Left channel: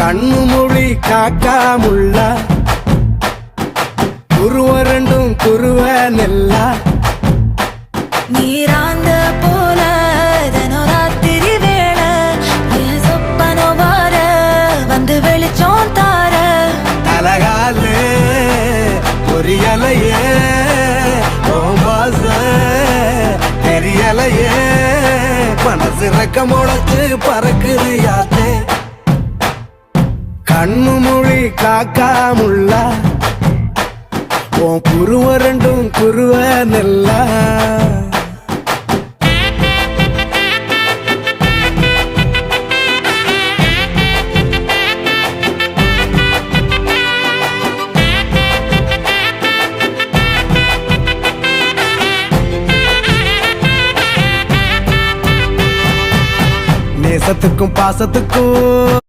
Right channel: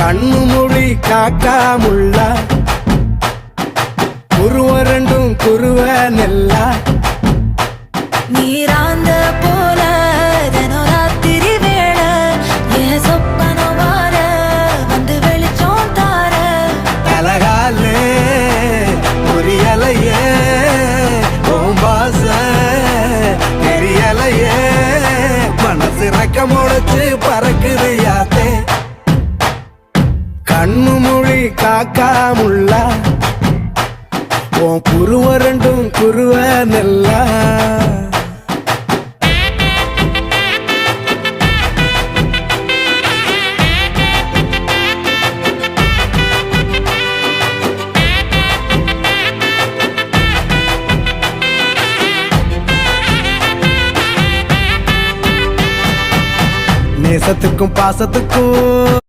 கண்ணு மொழி காக்காமுள்ள குருவ ரெண்டும் குருவ நெல்லா நீராங்க போல தினராத்திரி வேளை என் சொப்பனம் மாற வந்து வெளிச்சம் தார தலகாலே பொரியலையே ஓம்பாச தெரியலையே மனசு ரக்க முளைச்சு பறக்குறையாத்தே கண்ணு மொழி காக்காமுள்ள உன் குருவ ரெண்டும் குருவ நெல்லா நேசத்துக்கும் பாசத்துக்கும்